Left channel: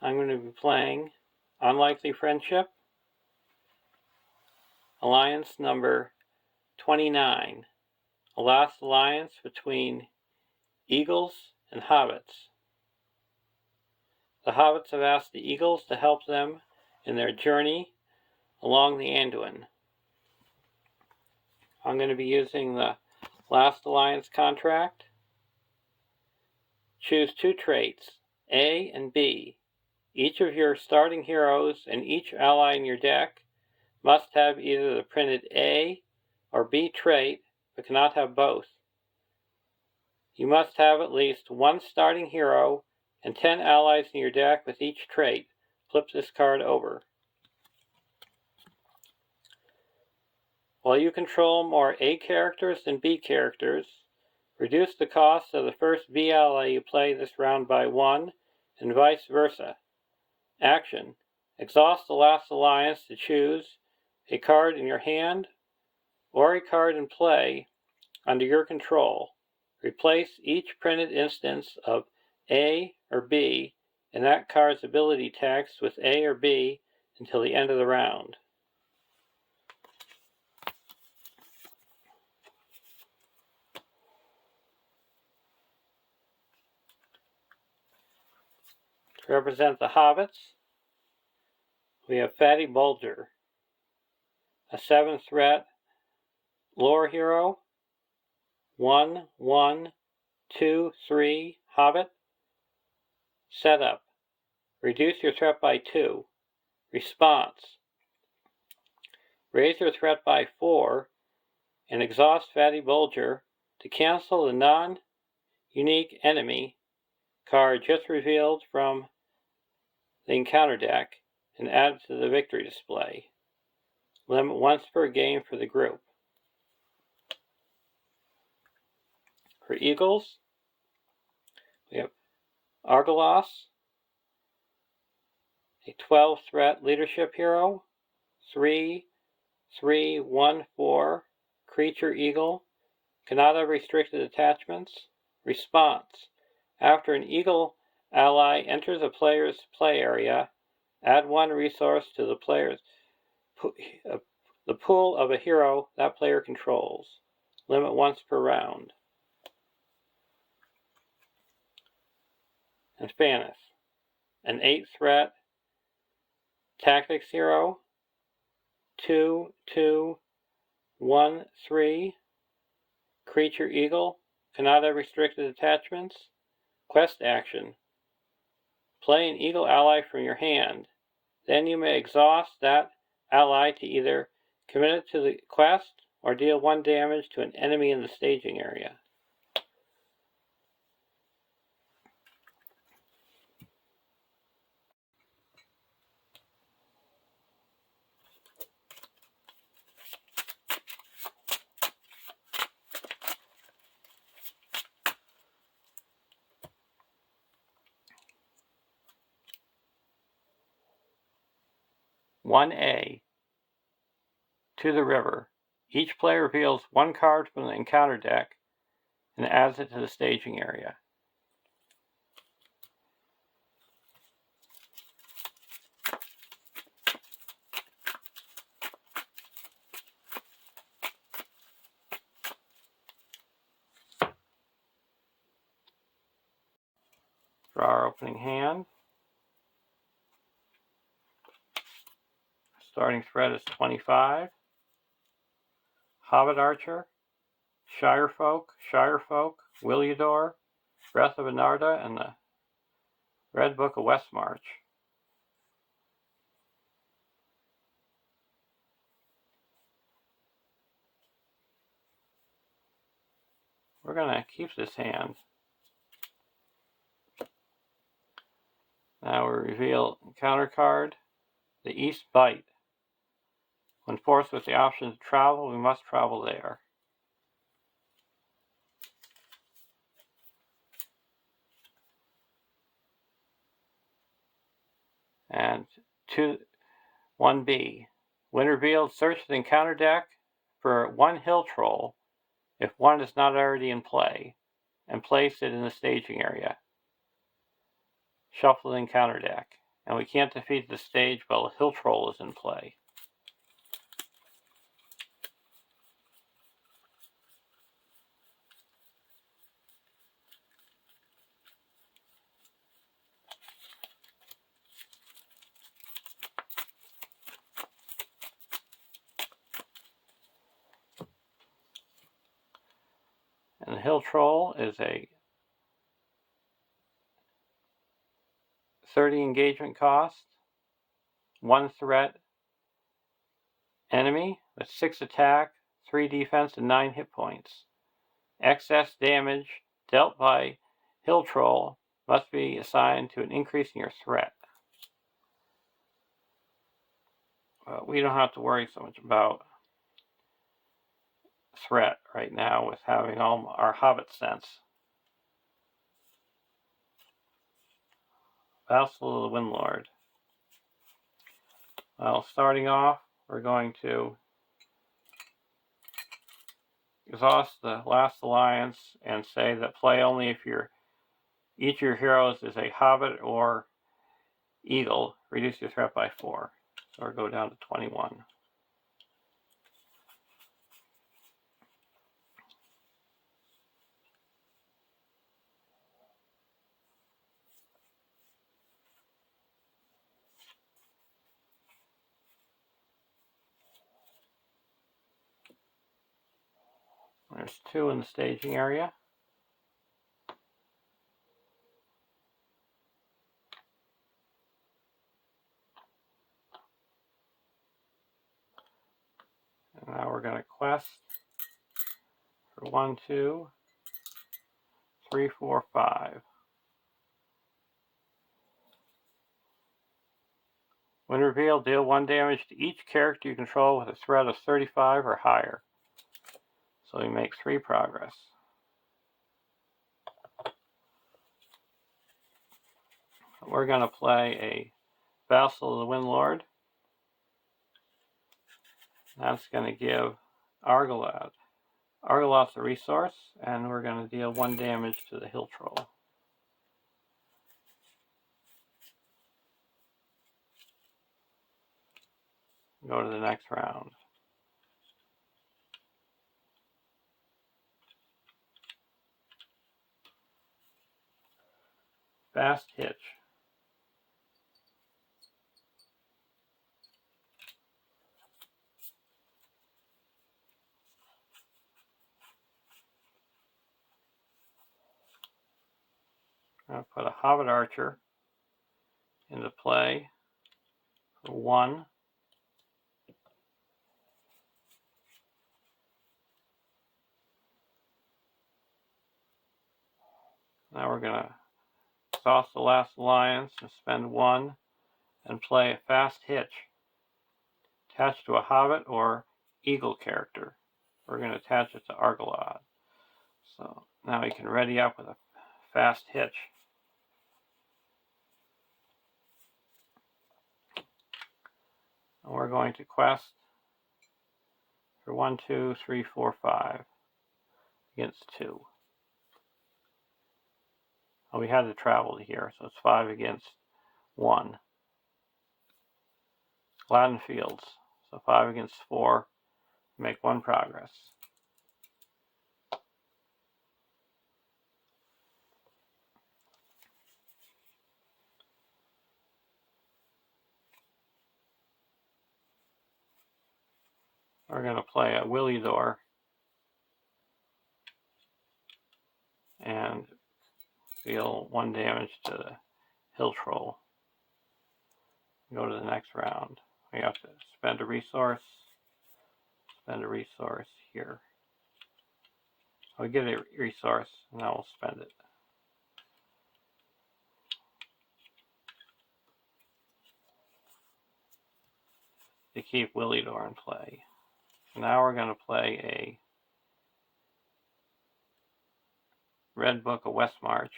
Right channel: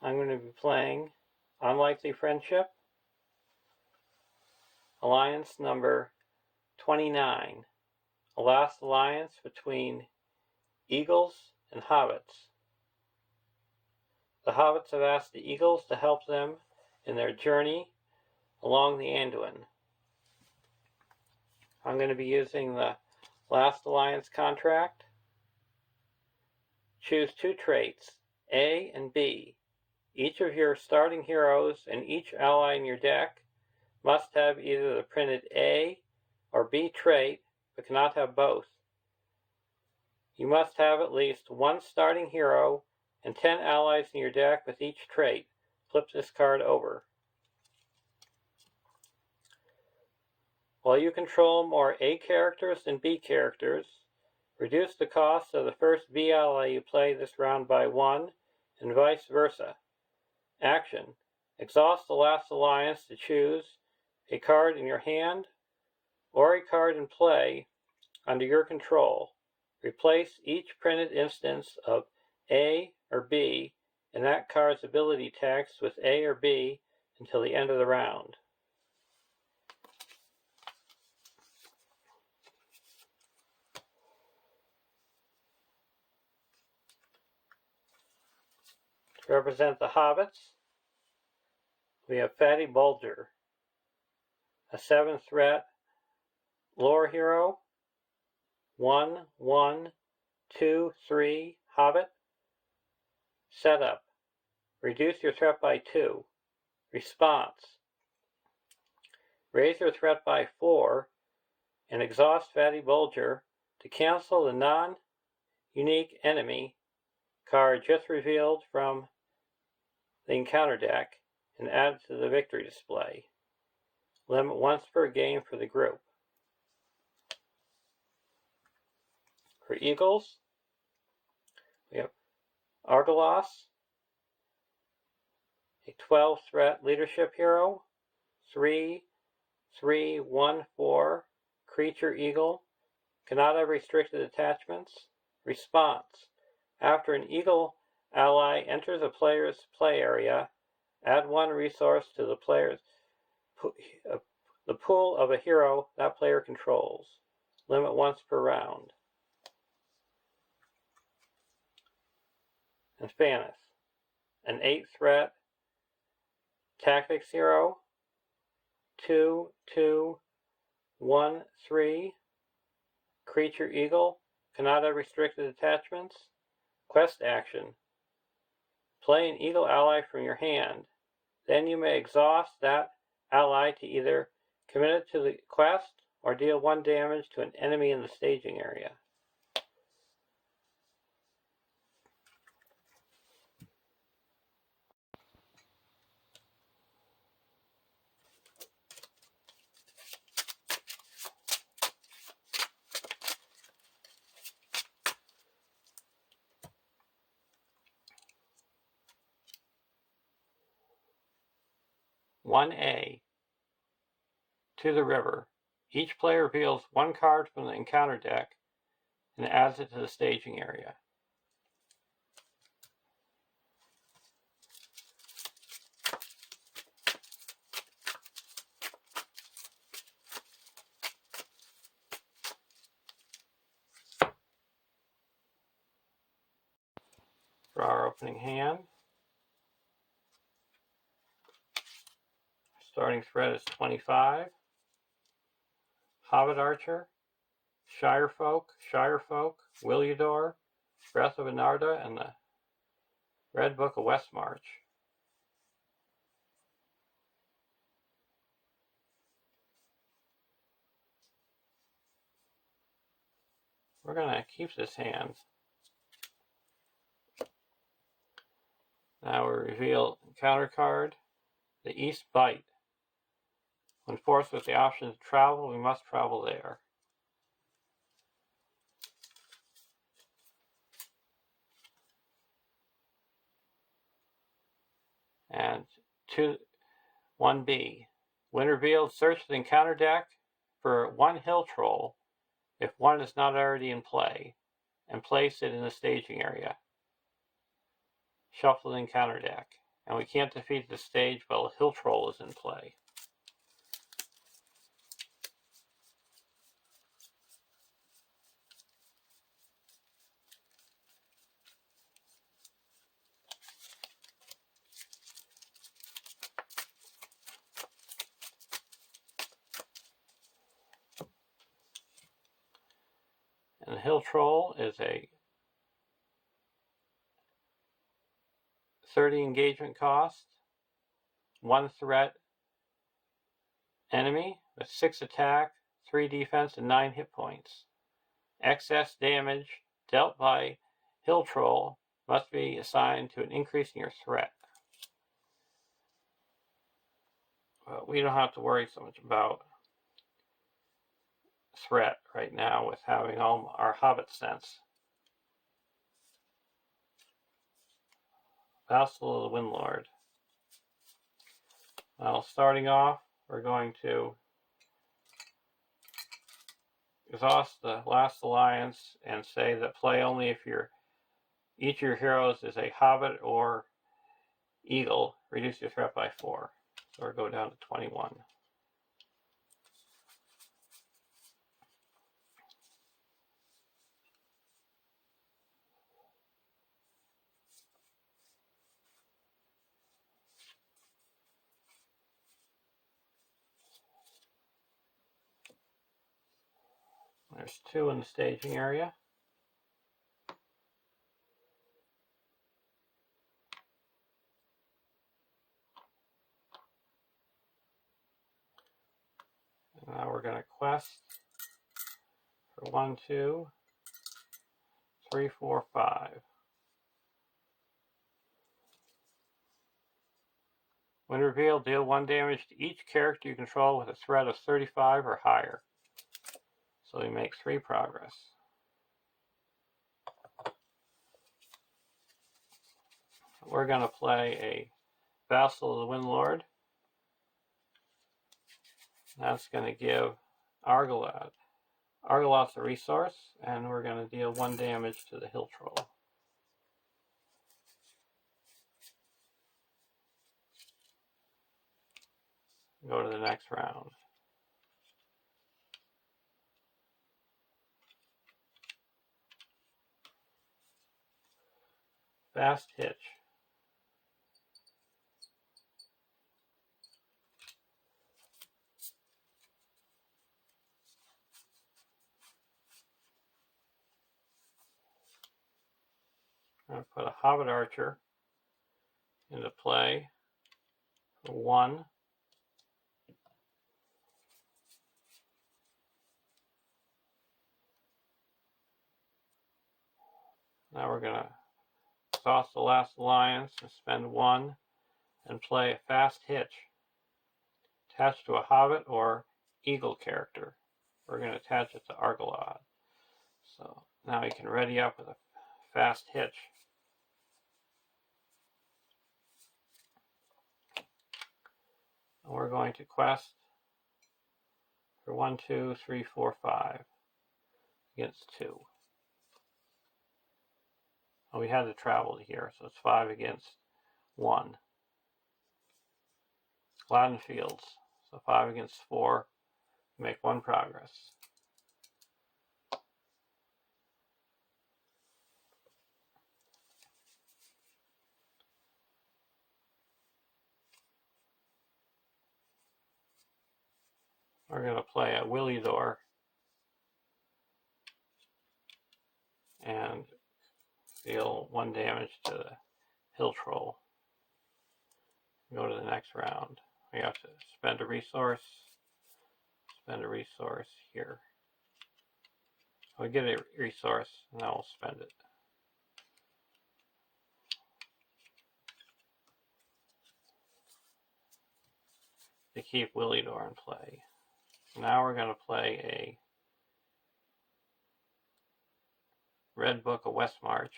I'm going to be playing Unlikely Friendship, Alliance number 29, a last alliance between Eagles and Hobbits. The Hobbits have asked the Eagles to help them in their journey along the Anduin. I'm going to be using the last alliance contract. Choose two traits, A and B. Each of your starting heroes and each ally in your deck must have either the printed A or B trait, but cannot have both. You must have at least one starting hero and 10 allies in your deck with each trait. Flip this card over. While you control more A characters than B characters, reduce the cost of the first B ally you play this round by 1, and vice versa. Action: exhaust the last alliance to choose a card in your hand or a card in play under your control. Replace each printed instance of A or B in that card's ability text with A or B until the end of the round. To represent the Hobbits, we have Fatty Bulger, a 7 threat lore hero, 1/1/2/3 Hobbit. Setup: reduce your threat by 2. Response: raise your threat by 4 and exhaust Fatty Bulger to cancel the non-unique enemy card just revealed from the encounter deck and add it to the victory display. Limit once per game for the group. For Eagles, we have Argalos, a 12 threat leadership hero, 3/3/1/4 creature eagle, cannot have restricted attachments. Response: after an eagle ally enters a player's play area, add 1 resource to the pool of a hero that player controls. Limit once per round. And Spanish, an 8 threat tactics hero, 2/2/1/3 creature eagle, cannot have restricted attachments. Quest action: play an eagle ally from your hand. Then you may exhaust that ally to either commit it to the quest or deal 1 damage to an enemy in the staging area. "1A. To the river. Each player reveals 1 card from the encounter deck and adds it to the staging area. Draw our opening hand. Starting threat is 25. Hobbit Archer, Shirefolk, Williador, Breath of Anarda, and the Red Book of Westmarch. We're going to keep this hand. Now we reveal encounter card, the East Bite. When forced with the option to travel, we must travel there. And 1B. When revealed, search the encounter deck for 1 hill troll if 1 is not already in play, and place it in the staging area. Shuffle the encounter deck. and we can't defeat the stage while a hill troll is in play. And the hill troll is a 30 engagement cost, 1 threat enemy with 6 attack, 3 defense, and 9 hit points. Excess damage dealt by hill troll must be assigned to an increase in your threat. We don't have to worry so much about threat right now with having all our Hobbit sense. Vassal of the Windlord. Well, starting off, we're going to exhaust the last alliance and say that play only if each of your heroes is a Hobbit or Eagle. Reduce your threat by 4. So we'll go down to 21. There's 2 in the staging area. And now we're going to quest for 1, 2, 3, 4, 5. When revealed, deal 1 damage to each character you control with a threat of 35 or higher. So we make 3 progress. We're going to play a Vassal of the Windlord. That's going to give Argoloth a resource, and we're going to deal 1 damage to the hill troll. Go to the next round. Fast Hitch. I'm going to put a Hobbit Archer into play for 1. Now we're going to exhaust the last alliance and spend 1 and play a Fast Hitch attached to a Hobbit or Eagle character. We're going to attach it to Argoloth. So now we can ready up with a Fast Hitch. And we're going to quest for 1, 2, 3, 4, 5 against 2. Well, we had to travel here, so it's 5 against 1. Gladden Fields, so 5 against 4, make 1 progress. We're going to play a Willidor and deal 1 damage to the hill troll. Go to the next round. We have to spend a resource here. We get a resource, and now we'll spend it. To keep Willidor in play. Now we're going to play a Red Book of Westmarch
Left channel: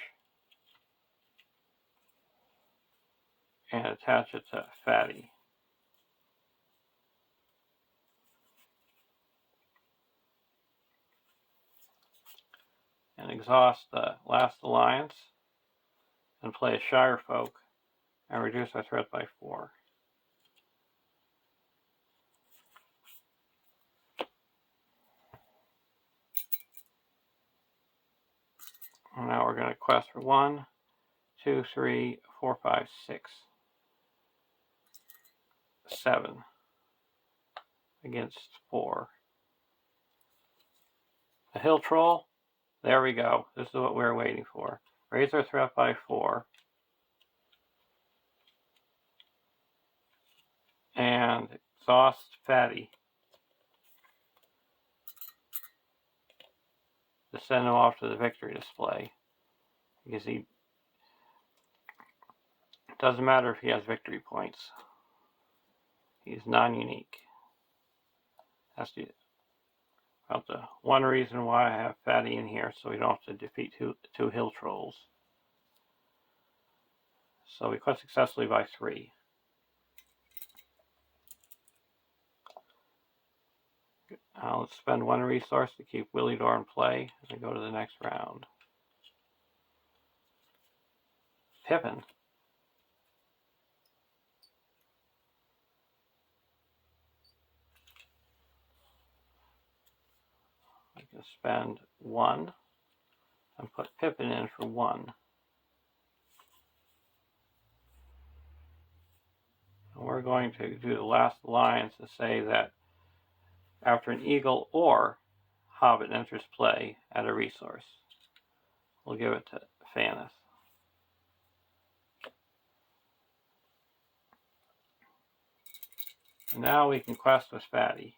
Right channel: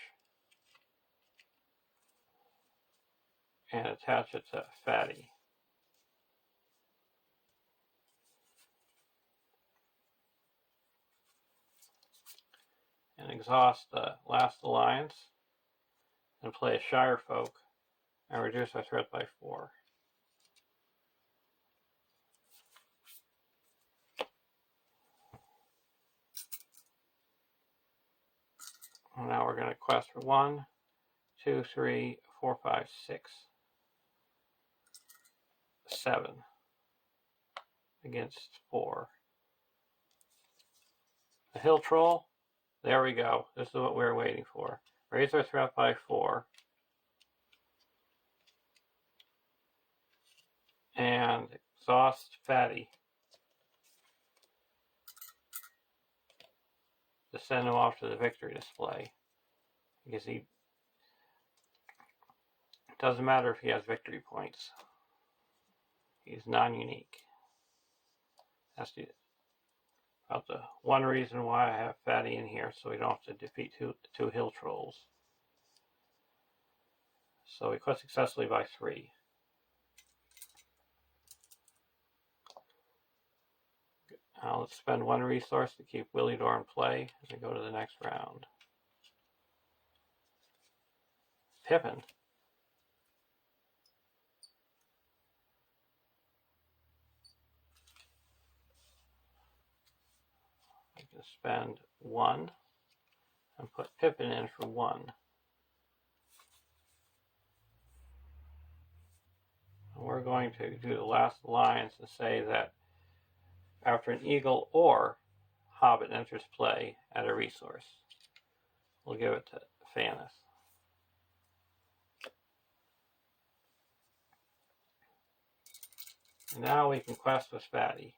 and attach it to Fatty. And exhaust the last alliance and play a Shire Folk and reduce our threat by 4. And now we're going to quest for 1, 2, 3, 4, 5, 6, 7 against 4. A hill troll. There we go. This is what we were waiting for. Raise our threat by 4. And exhaust Fatty to send him off to the victory display. Because it doesn't matter if he has victory points. He's non-unique. That's about the one reason why I have Fatty in here, so we don't have to defeat two hill trolls. So we quest successfully by 3. Let's spend 1 resource to keep Willidor in play as we go to the next round. Pippin. I can spend 1 and put Pippin in for 1. And we're going to do the last alliance and say that after an eagle or hobbit enters play, add a resource. We'll give it to Fanis. And now we can quest with Fatty.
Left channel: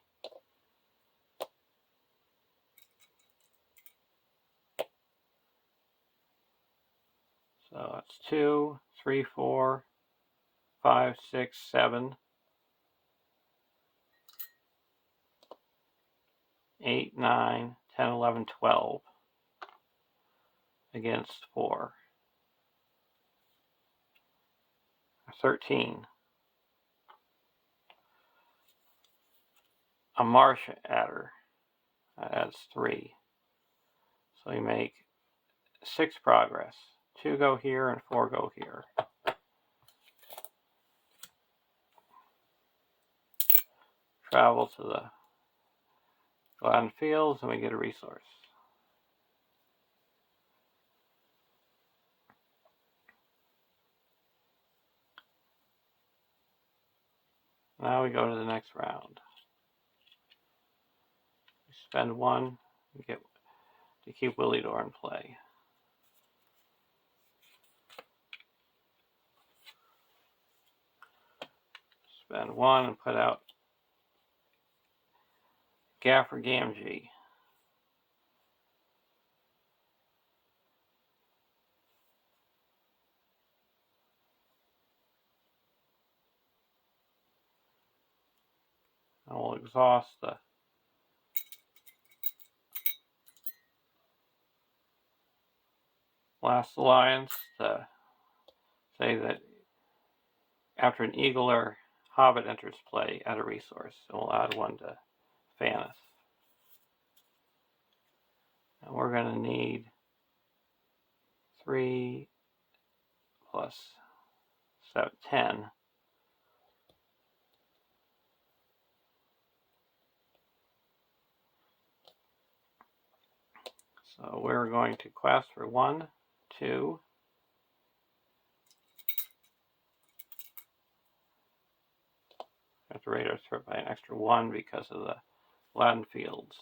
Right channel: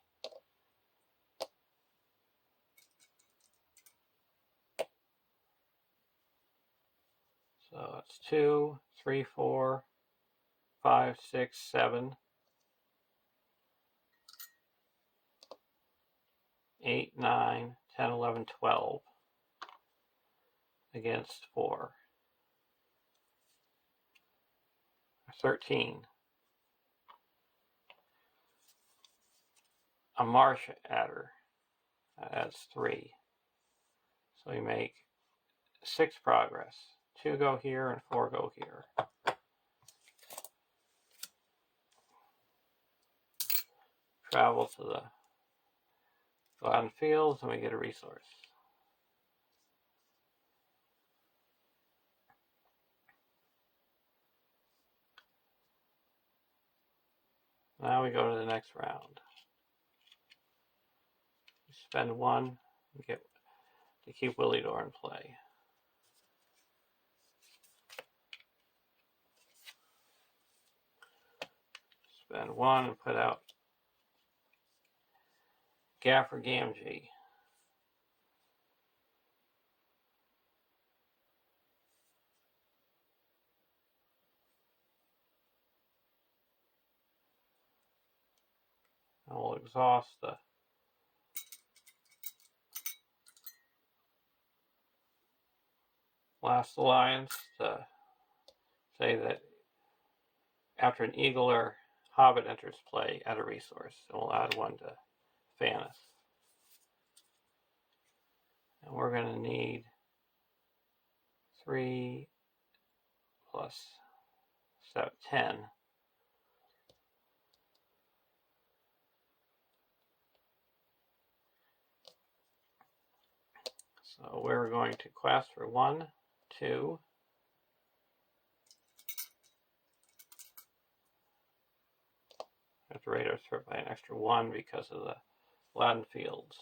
So it's 2, 3, 4, 5, 6, 7, 8, 9, 10, 11, 12 against 4. 13. A marsh adder adds 3. So we make 6 progress. 2 go here and 4 go here. Travel to the Gladden Fields and we get a resource. Now we go to the next round. We spend 1 to keep Willidor in play. Spend 1 and put out Gaffer Gamgee. And we'll exhaust the last alliance to say that after an eagle or hobbit enters play, add a resource. And we'll add 1 to Fanis. And we're going to need 3 plus 7, 10. So we're going to quest for 1, 2, have to rate our threat by an extra 1 because of the Gladden Fields.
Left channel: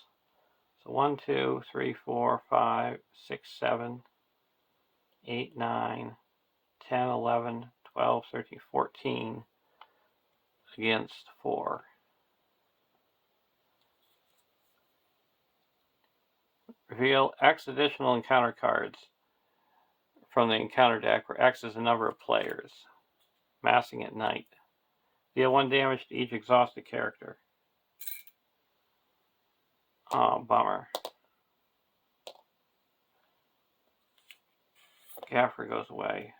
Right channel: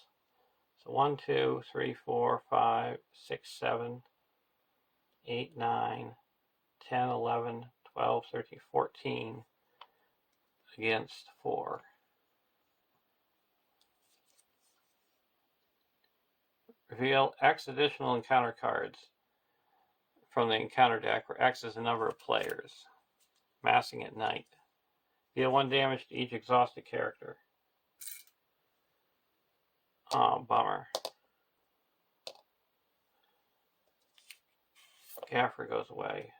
So 1, 2, 3, 4, 5, 6, 7, 8, 9, 10, 11, 12, 13, 14 against 4. Reveal X additional encounter cards from the encounter deck, where X is the number of players. Massing at night. Deal 1 damage to each exhausted character. Oh, bummer. Gaffer goes away.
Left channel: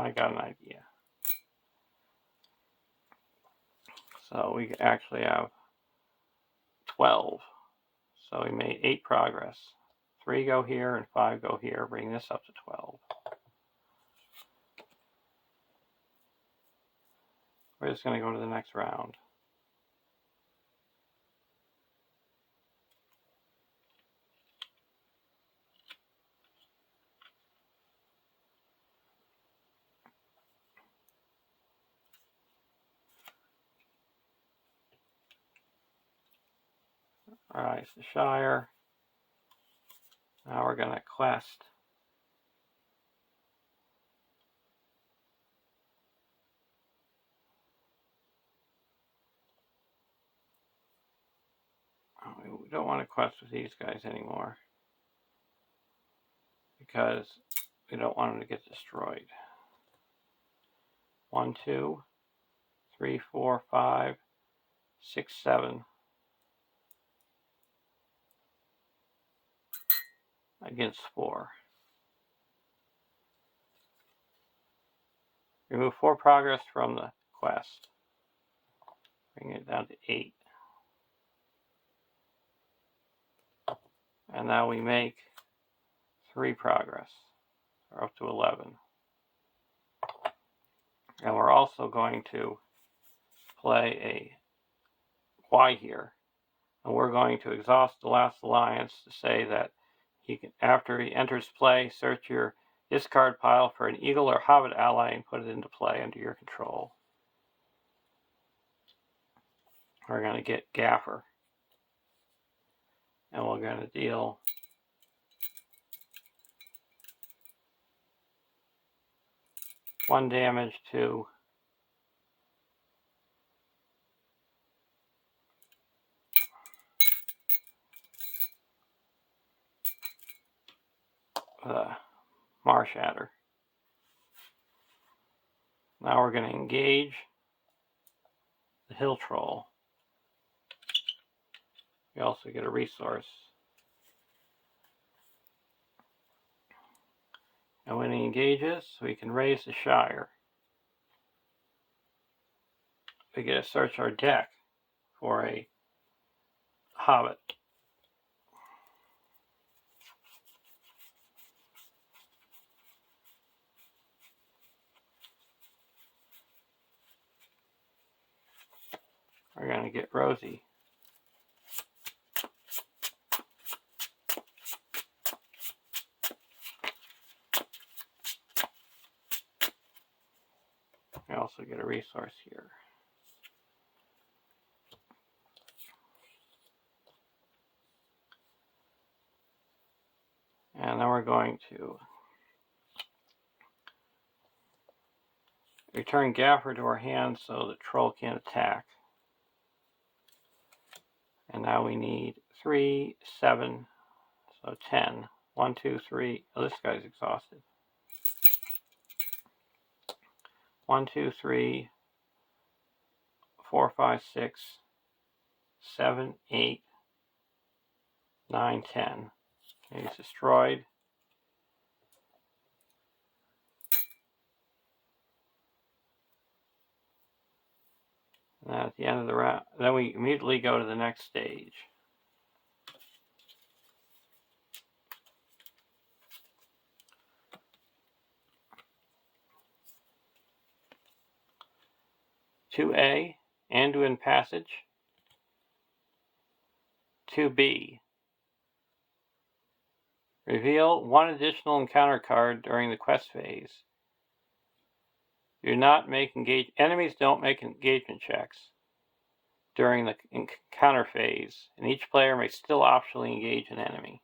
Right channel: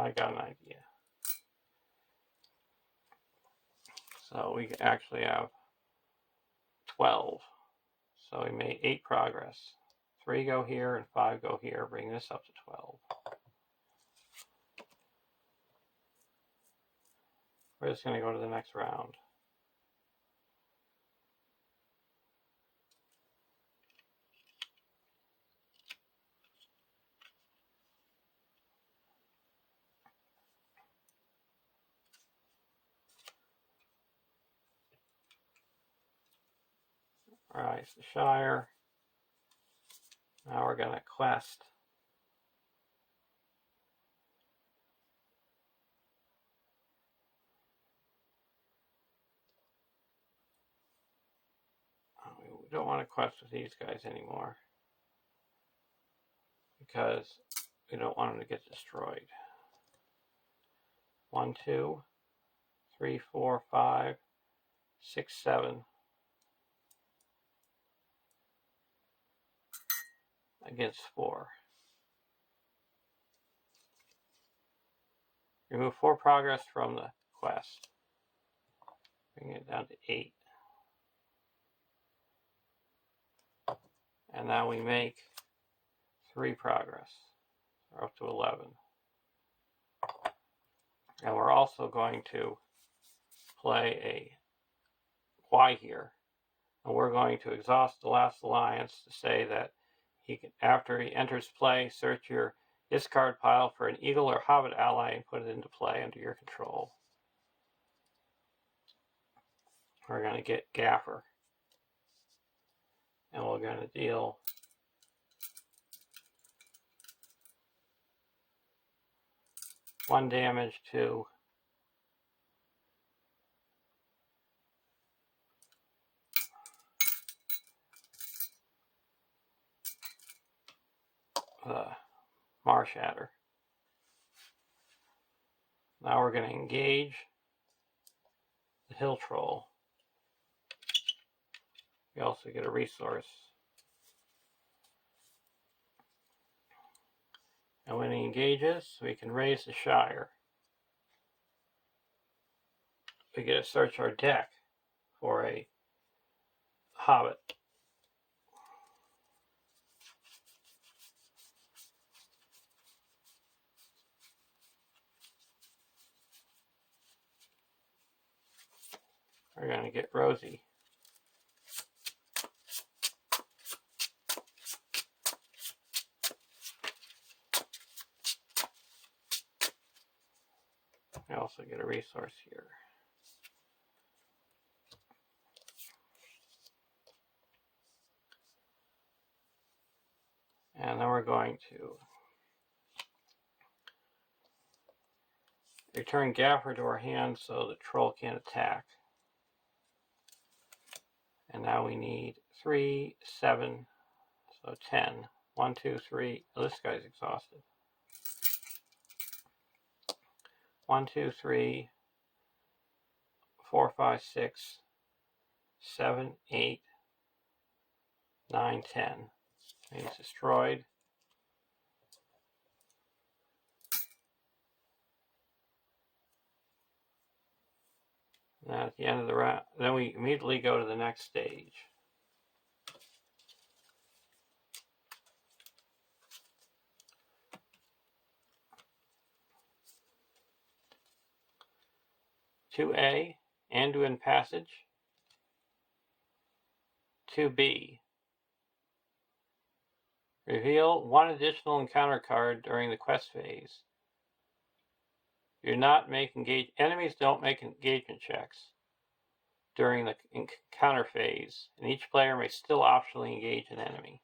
I got an idea. So we actually have 12. So we made 8 progress. 3 go here and 5 go here, bring this up to 12. We're just going to go to the next round. Alright, it's the Shire. Now we're going to quest. We don't want to quest with these guys anymore, because we don't want them to get destroyed. 1, 2, 3, 4, 5, 6, 7. Against 4. Remove 4 progress from the quest. Bring it down to 8. And now we make 3 progress. We're up to 11. And we're also going to play a Y here. And we're going to exhaust the last alliance to say that he can, after he enters play, search your discard pile for an eagle or hobbit ally and put it into play under your control. We're going to get Gaffer. And we're going to deal 1 damage to the Marsh Adder. Now we're going to engage the Hill Troll. We also get a resource. And when he engages, we can raise the Shire. We get to search our deck for a Hobbit. We're going to get Rosie. We also get a resource here. And then we're going to return Gaffer to our hand so the troll can't attack. And now we need 3, 7, so 10. 1, 2, 3. Oh, this guy's exhausted. 1, 2, 3, 4, 5, 6, 7, 8, 9, 10. He's destroyed. And at the end of the round, then we immediately go to the next stage. "2A, Anduin Passage. 2B, reveal 1 additional encounter card during the quest phase. Do not make enemies don't make engagement checks during the encounter phase, and each player may still optionally engage an enemy."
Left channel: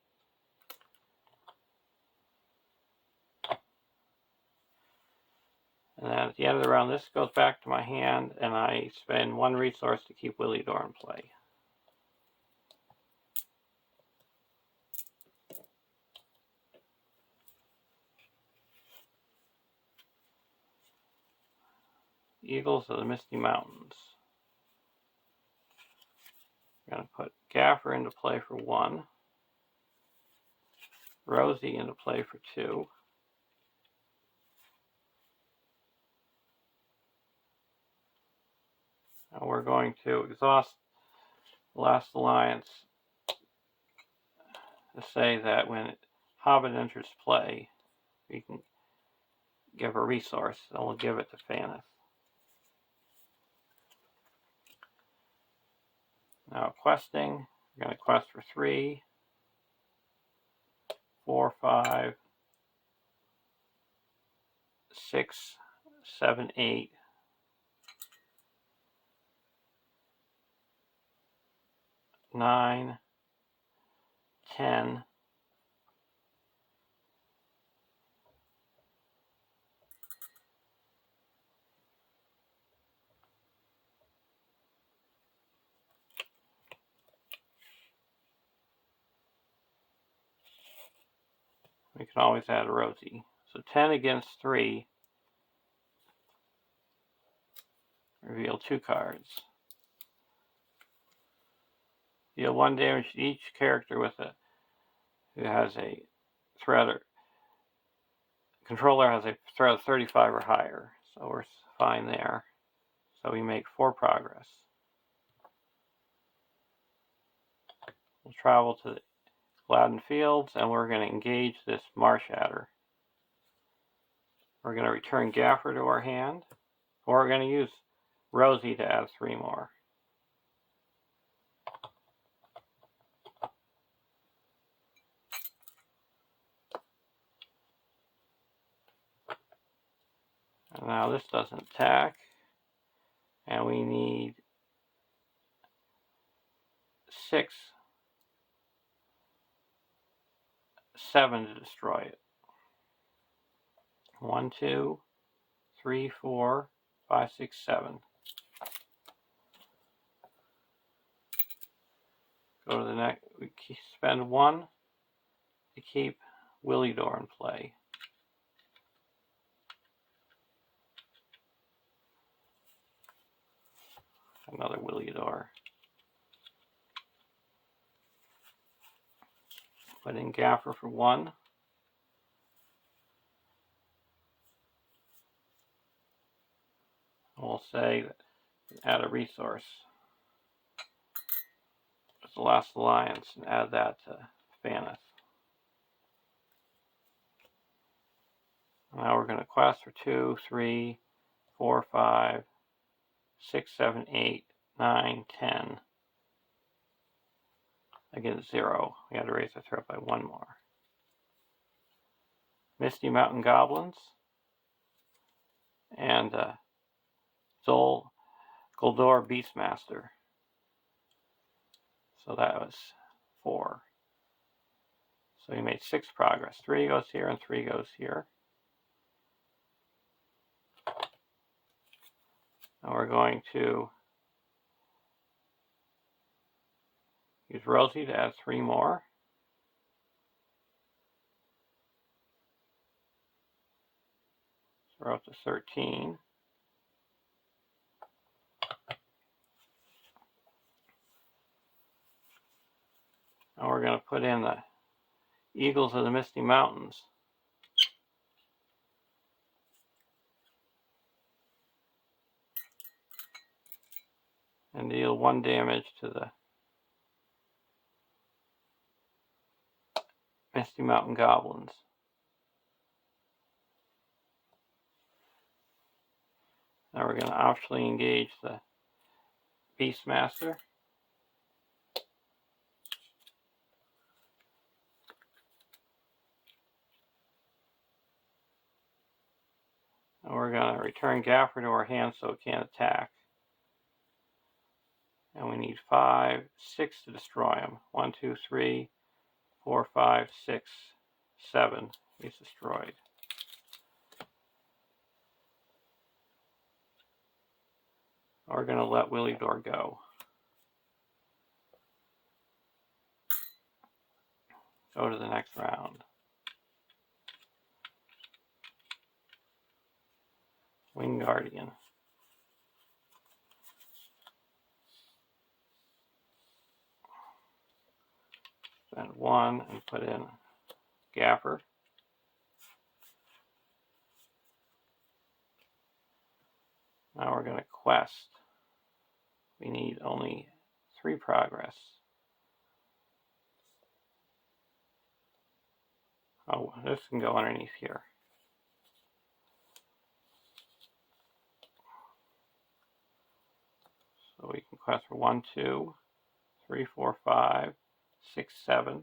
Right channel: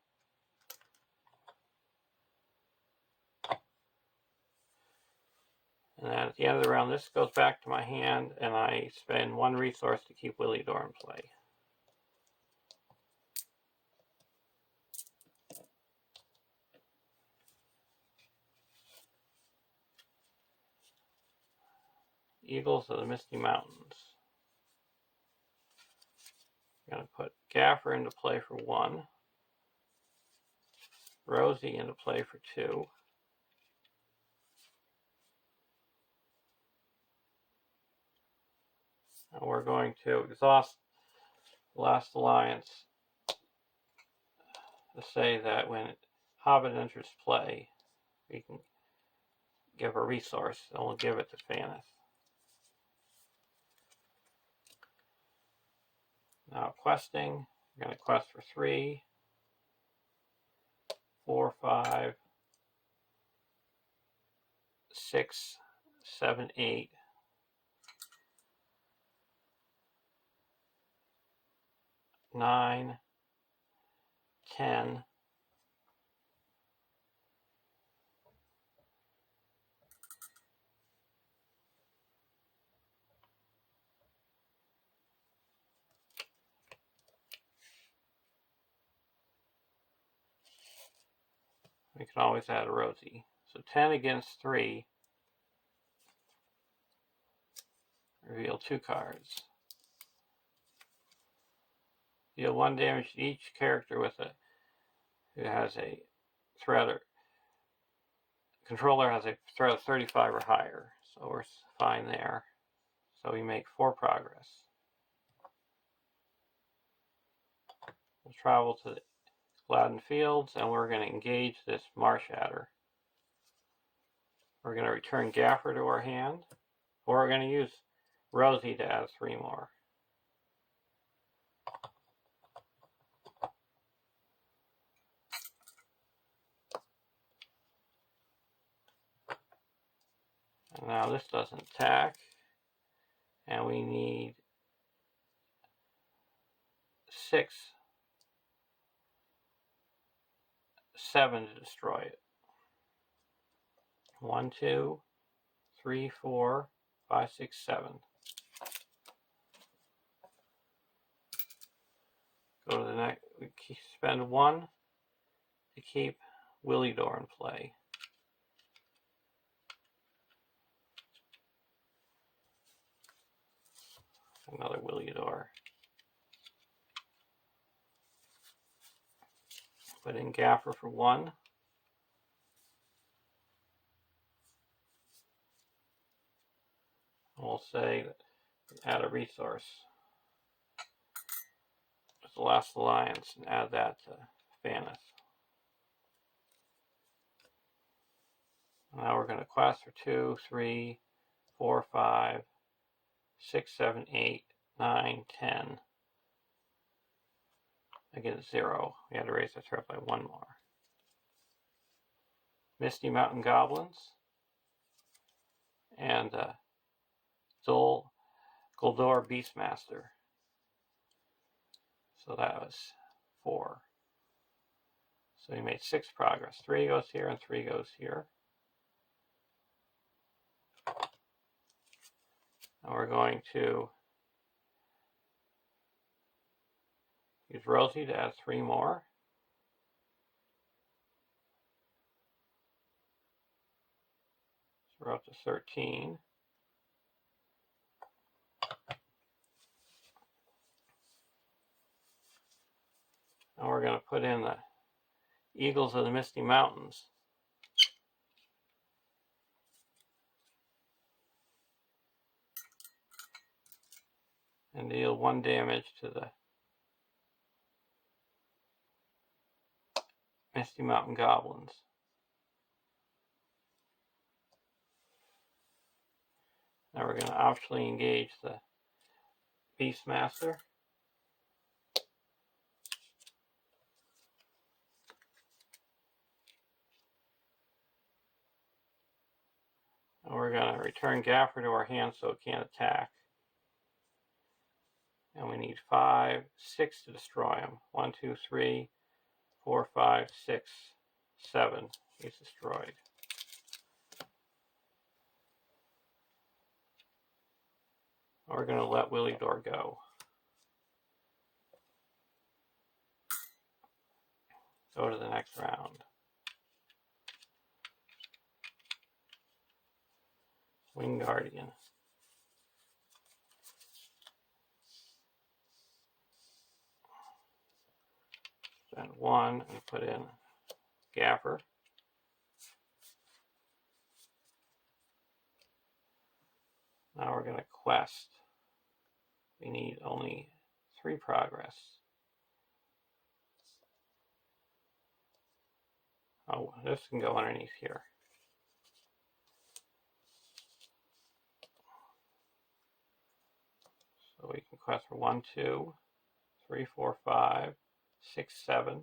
And then at the end of the round, this goes back to my hand, and I spend 1 resource to keep Willie Dore in play. Eagles of the Misty Mountains. I'm going to put Gaffer into play for 1. Rosie into play for 2. And we're going to exhaust Last Alliance to say that when Hobbit enters play, we can give a resource, and we'll give it to Faneth. Now questing, we're going to quest for 3, 4, 5, 6, 7, 8, 9, 10, we can always add a Rosie. So 10 against 3, reveal 2 cards. Deal 1 damage to each character who has a threat or controller has a threat of 35 or higher. So we're fine there. So we make 4 progress. We'll travel to the Gladden Fields and we're going to engage this Marsh Adder. We're going to return Gaffer to our hand, or we're going to use Rosie to add 3 more. And now this doesn't attack, and we need 6, 7 to destroy it. 1, 2, 3, 4, 5, 6, 7. Go to the next. We spend 1 to keep Willidor in play. Another Willidor. Put in Gaffer for 1. We'll say add a resource. It's the Last Alliance, and add that to Faneth. Now we're going to quest for 2, 3, 4, 5, 6, 7, 8, 9, 10. Against 0. We had to raise our threat by 1 more. Misty Mountain Goblins. And Zol Goldor Beastmaster. So that was 4. So we made 6 progress. 3 goes here and 3 goes here. And we're going to use Rosie to add 3 more. So we're up to 13. And we're going to put in the Eagles of the Misty Mountains. And deal 1 damage to the Misty Mountain Goblins. Now we're going to optionally engage the Beastmaster. And we're going to return Gaffer to our hand so it can't attack. And we need 5, 6 to destroy him. 1, 2, 3, 4, 5, 6, 7. He's destroyed. We're going to let Willidor go. Go to the next round. Wing Guardian. Spend 1 and put in Gaffer. Now we're going to quest we need only 3 progress. Oh, this can go underneath here. So we can quest for 1, 2, 3, 4, 5, 6, 7.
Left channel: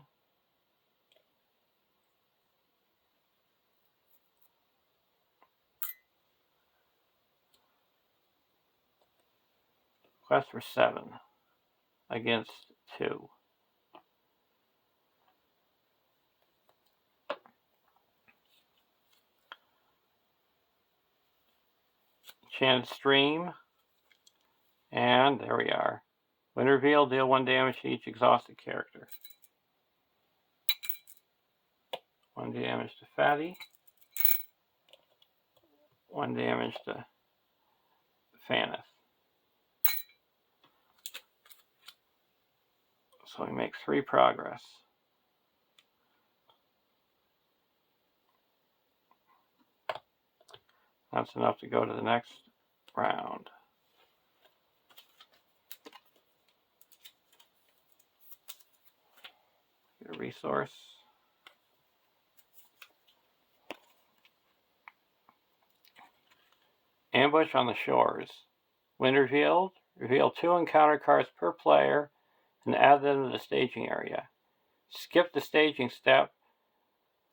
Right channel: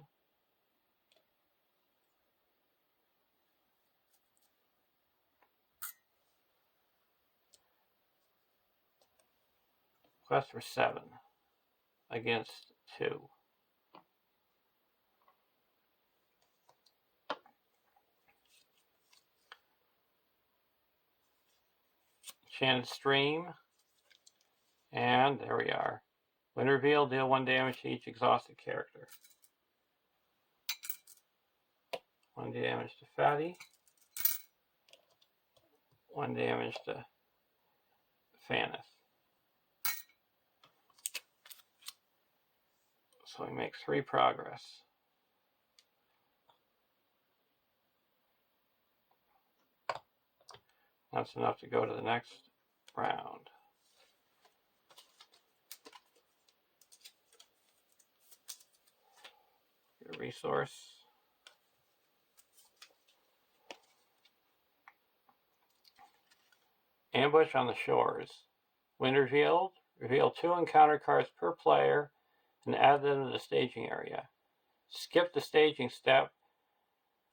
Quest for 7 against 2. Enchanted Stream. And there we are. When revealed, deal 1 damage to each exhausted character. 1 damage to Fatty. 1 damage to Faneth. So we make 3 progress. That's enough to go to the next round. Get a resource. Ambush on the shores. When revealed, reveal 2 encounter cards per player and add them to the staging area. Skip the staging step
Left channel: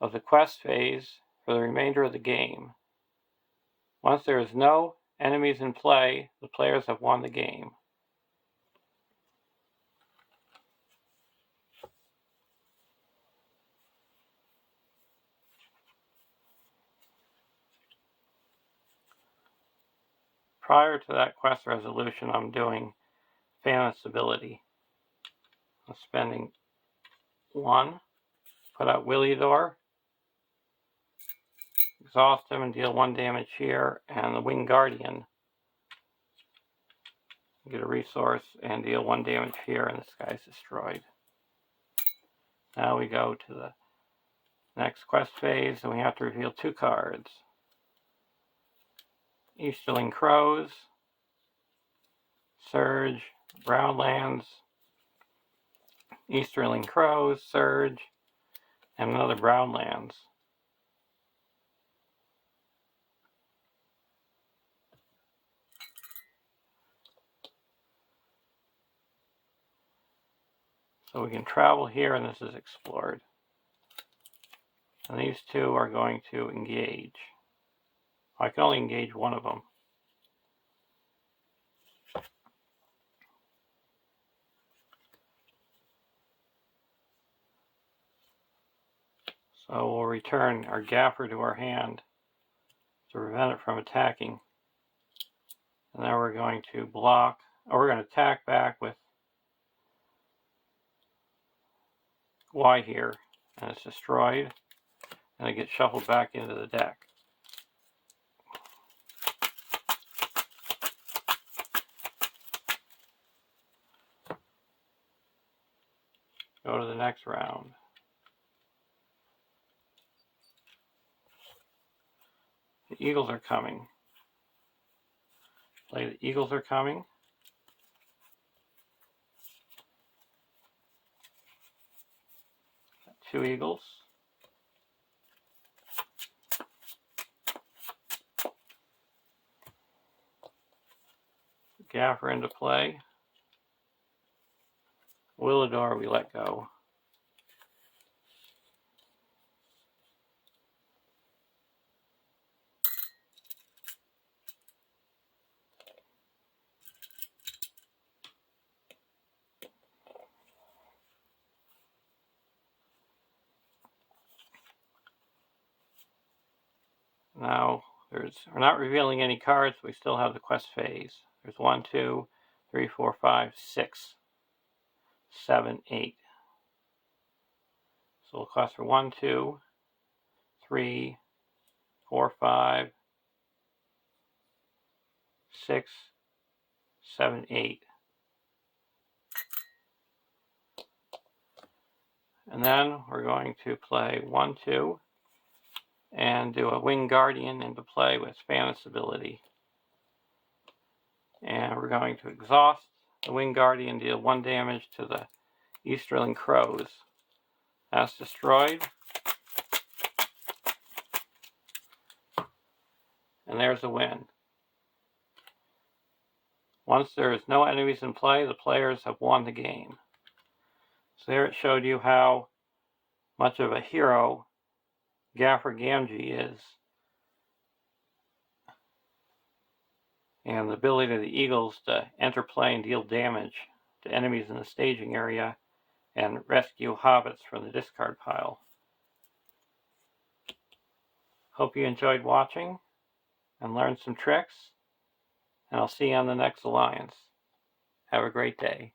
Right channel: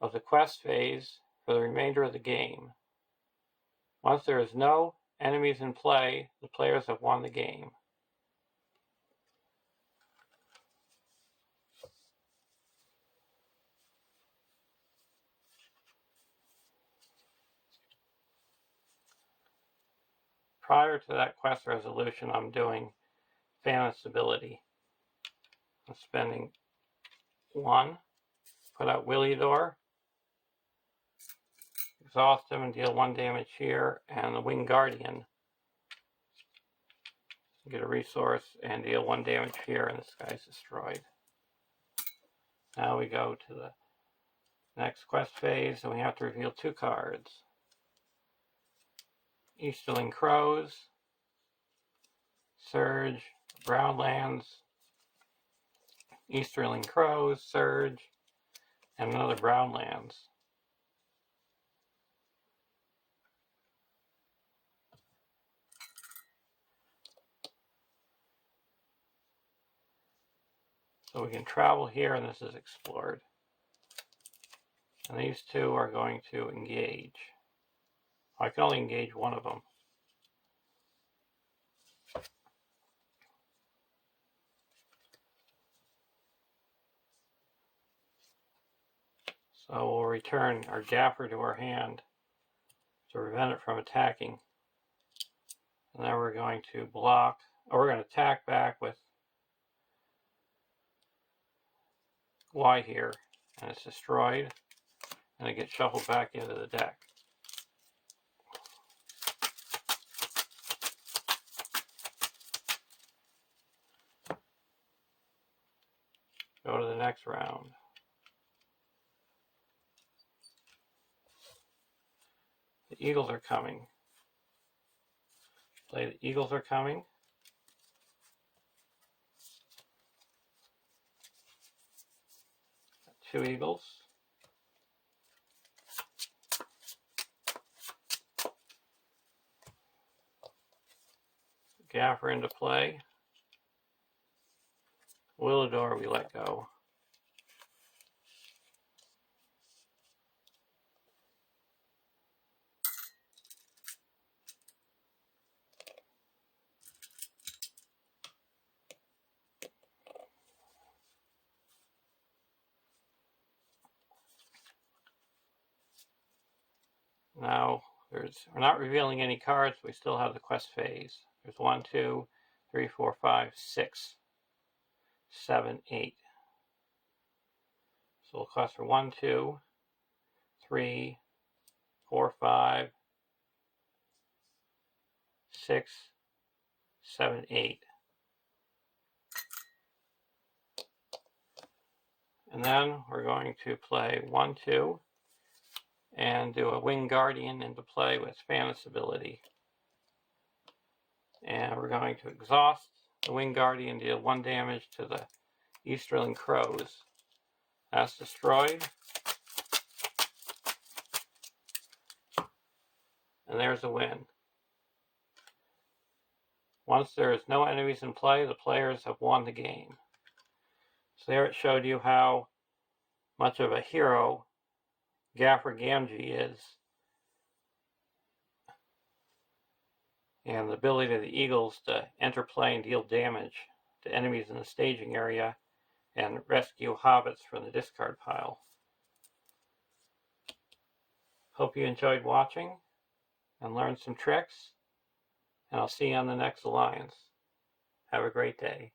of the quest phase for the remainder of the game. Once there is no enemies in play, the players have won the game. Prior to that quest resolution, I'm doing Faneth's ability. I'm spending 1, put out Williador, exhaust him and deal 1 damage here, and the Winged Guardian. Get a resource and deal 1 damage here, and this guy's destroyed. Now we go to the next quest phase, and we have to reveal 2 cards. Easterling Crows, Surge, Brownlands, Easterling Crows, Surge, and another Brownlands. So we can travel here, and this is explored. And these 2 are going to engage. I can only engage 1 of them. So we'll return our Gaffer to our hand to prevent it from attacking. And now we're going to block, or we're going to attack back with Y here, and it's destroyed, and it gets shuffled back into the deck. Go to the next round. The Eagles are coming. Play the Eagles are coming. Got 2 Eagles. Gaffer into play. Willador we let go. Now we're not revealing any cards, we still have the quest phase. There's 1, 2, 3, 4, 5, 6, 7, 8. So we'll quest for 1, 2, 3, 4, 5, 6, 7, 8. And then we're going to play 1, 2, and do a Winged Guardian into play with Faneth's ability. And we're going to exhaust The Winged Guardian deal 1 damage to the Easterling Crows. That's destroyed. And there's a win. Once there is no enemies in play, the players have won the game. So there it showed you how much of a hero Gaffer Gamgee is, and the ability of the Eagles to enter play and deal damage to enemies in the staging area and rescue Hobbits from the discard pile. Hope you enjoyed watching and learned some tricks, and I'll see you on the next Alliance. Have a great day.